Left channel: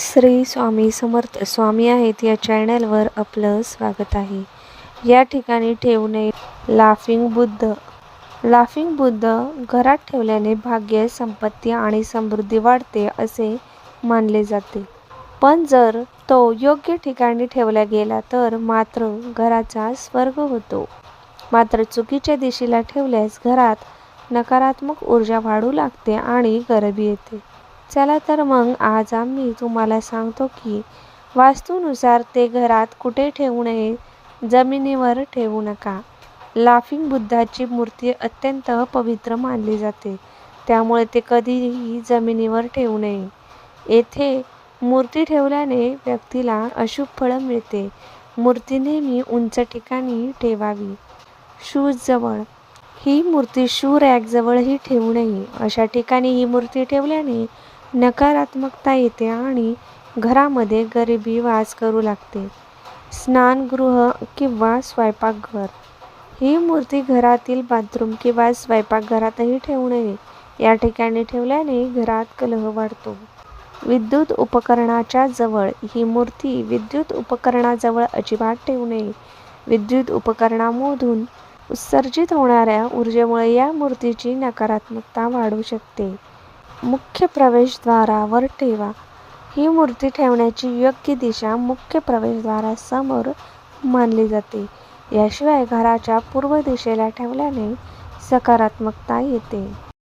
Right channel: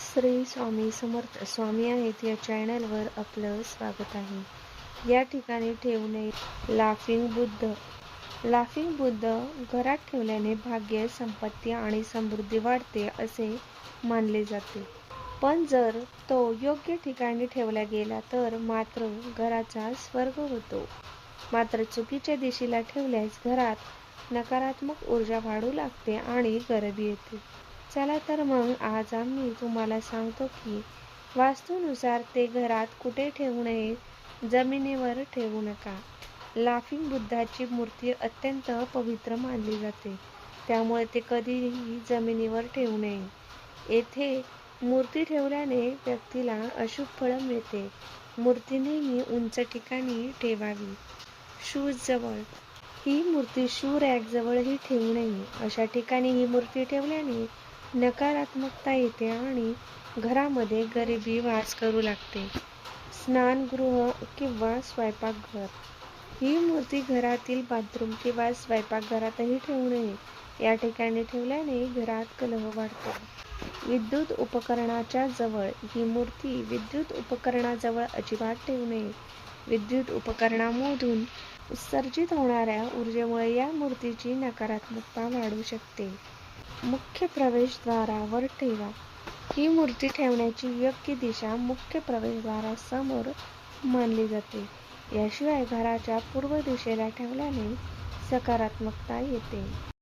श्री स्वामी समर्थ स्वामी आहेत या चॅनलवर आपलं स्वागत आहे. या ठिकाणी ठेवू नये लाफिंग बुद्ध. लाफिंग बुद्ध घरात ठेवल्याने भाग्य संपत्ती आणि समृद्धी वाढते असे मानले जाते. पण जर तो योग्य ठिकाणी ठेवला गेला तर मात्र घराचा स्वर्ग होतो. मात्र चुकीच्या दिशेला ठेवल्यास घरात नकारात्मक ऊर्जा वाढू लागते आणि गरिबी येते. चला तर मग आज आम्ही तुम्हाला सांगतो की वास्तूनुसार ते घरात कुठे ठेवू नये? जमिनीवर ठेवू नका. लाफिंग बुद्धाची मूर्ती अत्यंत पवित्र मानली जाते. त्यामुळे ते कधीही जमिनीवर ठेवू नये. येथे मूर्ती ठेवल्याने व्यक्तीला अशुभ फळं मिळते. मूर्ती नेहमी उंच ठिकाणी ठेवावी. शूजवळ ही मूर्ती शू रॅकजवळही ठेवू नये. अशा ठिकाणी ही मूर्ती ठेवल्याने नकारात्मकता येते आणि घरामध्ये गरिबी वास करू लागते. स्नानगृह किंवा स्वयंपाकघर. ही मूर्ती घरातील बाथरूम किंवा स्वयंपाकघरातही ठेवू नये. या ठिकाणी ठेवल्याने घरात कलह वाढतो. विद्युत उपकरणाच्या जवळ ही मूर्ती विद्युत उपकरणाजवळ अजिबात ठेवू नये. विद्युत उपकरणामधून उत्सर्जित होणाऱ्या ऊर्जेमुळे या मूर्तीची नकारात्मकता वाढू शकते. मुख्य प्रवेशद्वारावर ठेवा. ही मूर्ती ठेवण्याची योग्य दिशा मुख्य प्रवेशद्वारासमोर मानली जाते. याशिवाय घराच्या पूर्व दिशेला ठेवल्याने सकारात्मकता येते.